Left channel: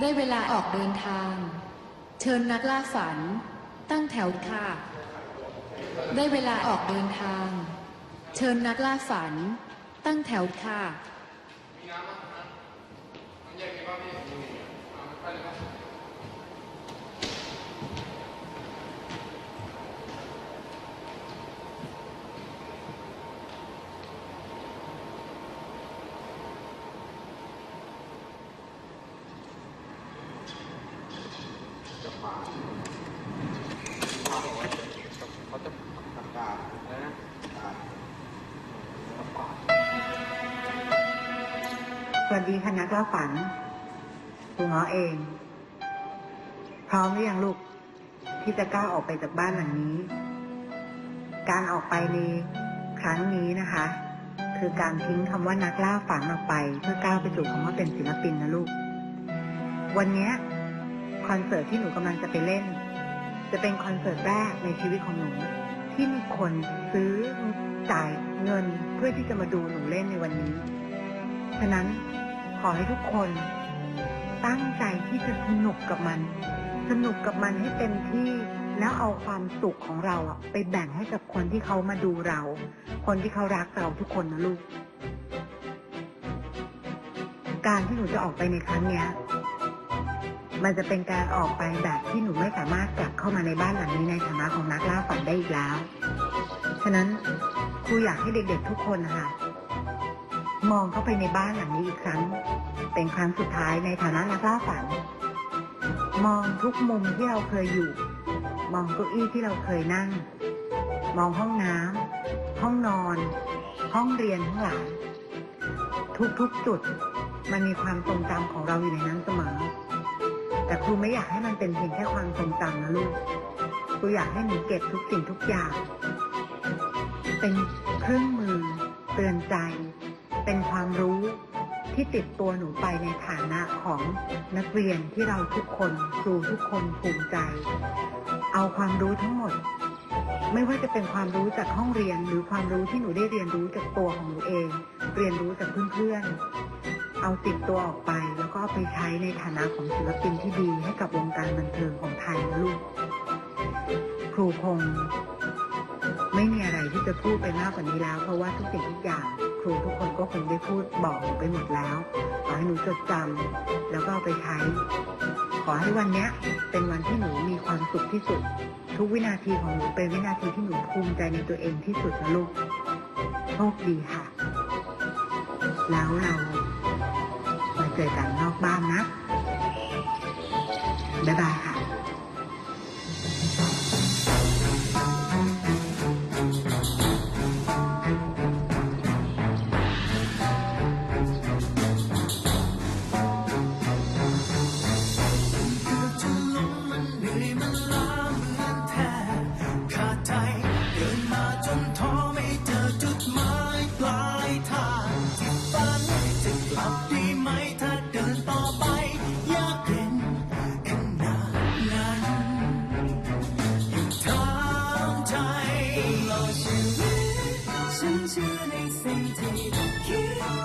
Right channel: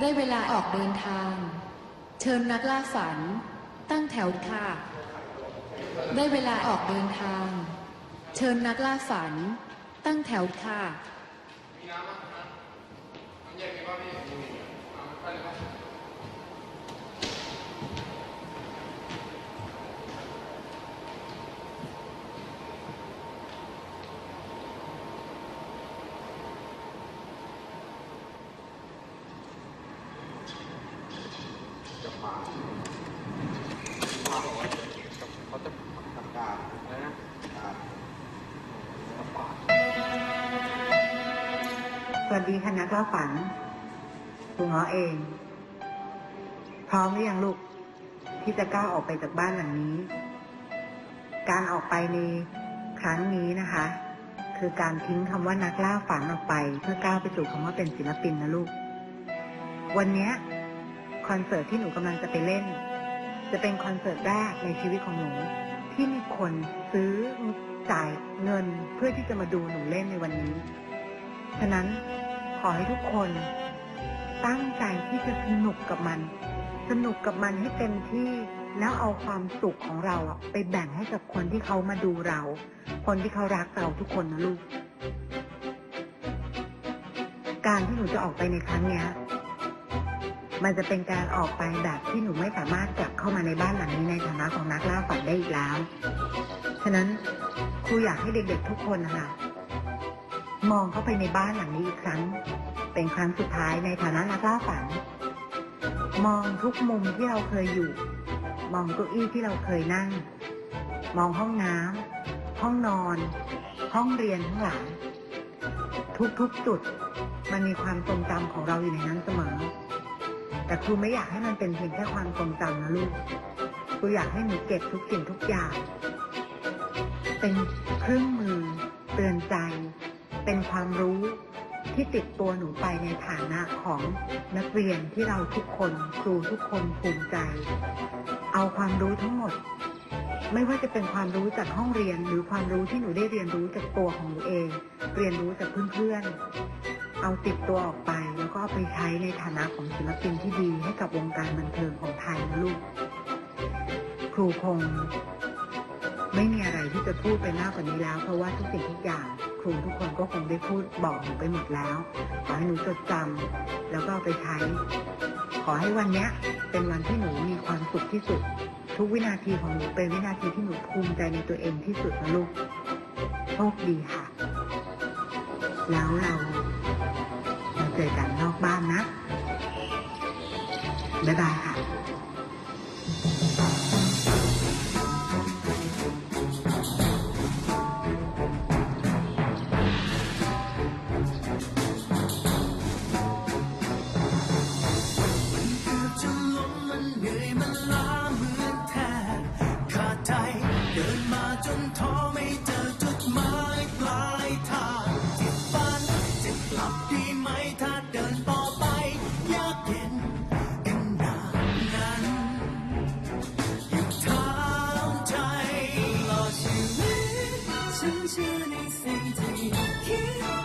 ได้เวลาออกเดินทาง เชิญนักล่าฝัน ตั้งแถวค่ะ ได้เวลาออกเดินทาง เชิญนักล่าฝัน ตั้งแถวค่ะเขาจะทำการนะสวัสดีค่ะนักล่าฝันครูง้อเอง พร้อมหรือยังลูก ที่จะก้าวออกไปจากบ้านหลังนี้ การออกไปในครั้งนี้นะคะ คือการทิ้งคำว่านักล่าฝันออกไป เพื่อก้าวไปสู่คำว่าเป็นศิลปินนะลูก วันนี้คอนเสิร์ตที่หนูกำลังจะไปเล่น จะเป็นคอนเสิร์ตแรกในชีวิตของหนู ที่มีคนซื้อจ่ายเงินเพื่อที่จะมาดูหนูเล่นในวันนี้ ฉะนั้นขอให้ทุกคนตั้งใจที่จะสนุกกับมัน สนุกกับมันให้เต็มที่แล้วเอาความสุขของเราอะไปแบ่งให้กับคนที่เขามาดูเรา คนที่เขารักเราทุกคนนะลูก การที่หนูจะออกไปในครั้งเนี้ย มันจะเป็นการออกไปแบบที่หนูไม่สามารถกลับเข้ามาในบ้านหลังนี้ในฐานะของนักล่าฝันได้อีกแล้ว ฉะนั้นครูอยากให้เด็กๆทุกคนนะคะมองเข้าไปในบ้านหลังนี้อีกครั้ง เป็นครั้งสุดท้ายในฐานะนักล่าฝัน มองทุกมุมที่เราเคยอยู่ มองเก้าอี้ที่เราเคยนั่ง มองห้องน้ำห้องนอน ห้องเรียนทั้งหลายทุกๆจุดมันมีความทรงจำของเราอยู่ในนั้นเสมอ แต่ครูไม่อยากให้มันเป็นเพียงแค่ความทรงจำนะลูก ครูอยากให้หนูเก็บทุกสิ่งทุกอย่าง เป็นเครื่องมือ เตือนใจ เป็นความรู้ที่ติดตัวหนูไปในฐานะของนักเรียนที่เราทุกคนครูทุกคนภูมิใจ เอาความรู้ทั้งหมด ไม่ว่าจะเป็นความรู้จากห้องเรียนหรือความรู้ที่หนูได้เรียนรู้จากตัวของหนูเอง เรียนรู้จากเพื่อนๆ เอาติดตัวออกไป แล้วก็เอาไปใช้ในฐานะของศิลปินที่ดีให้กับวงการบันเทิงของไทยนะลูก ครูคง ไม่มีอะไรที่จะพูดไปมากกว่านี้แล้ว เพราะว่าทุกสิ่งทุกอย่างครูทุกคนก็คงได้พูดบอกหนูไปหมดแล้ว ขอให้หนูจดจำแล้วก็เอาไปใช้ ขอให้วันนี้เป็นวันที่หนูมีความสุขที่สุด ทุกวินาทีของหนูเป็นวินาทีที่หนูภูมิใจในตัวเองที่สุดนะลูกโชคดีค่ะ แล้วเรา เจอกันนอกบ้านนะ บ๊ายบายค่ะเดินมาจนท้อไม่เจอจุดหมายปลายทาง ฉันเชื่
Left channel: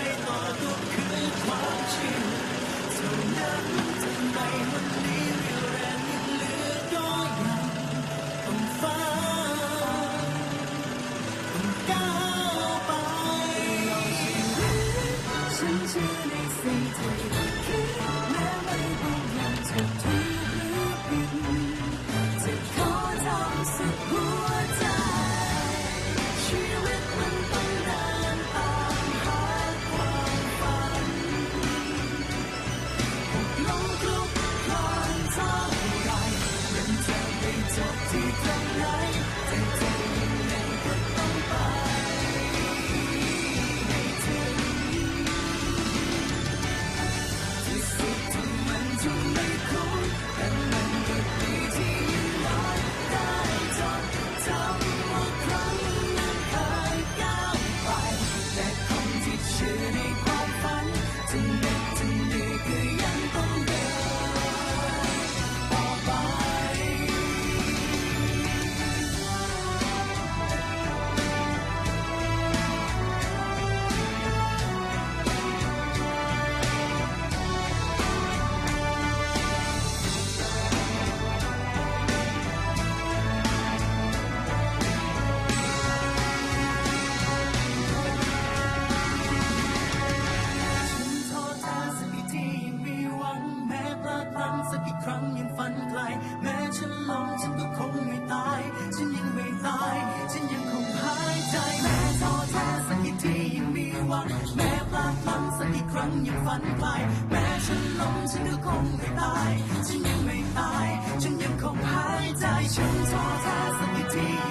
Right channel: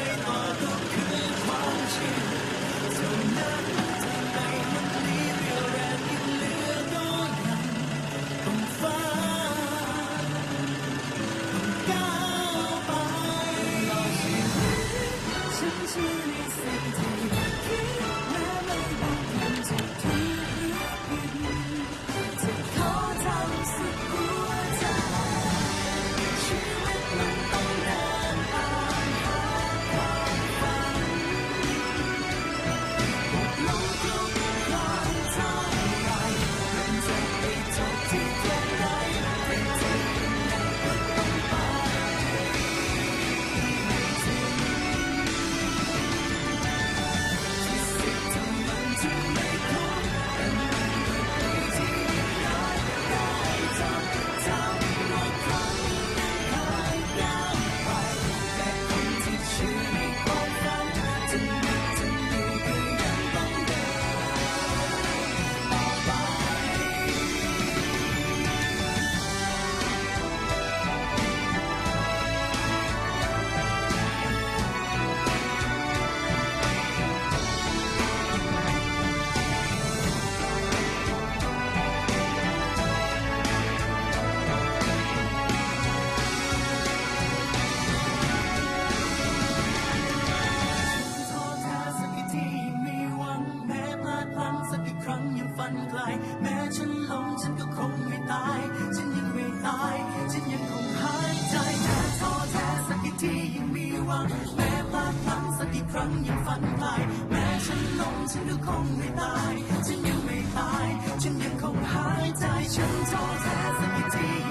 ฉั แม้พลาดพลั้งสักกี่ครั้งยังฝันไปแม้ฉันล้มฉันก็คงไม่ตายฉันยังไม่ตายฉันยังคงหายใจฉันท้อแท้สักกี่ที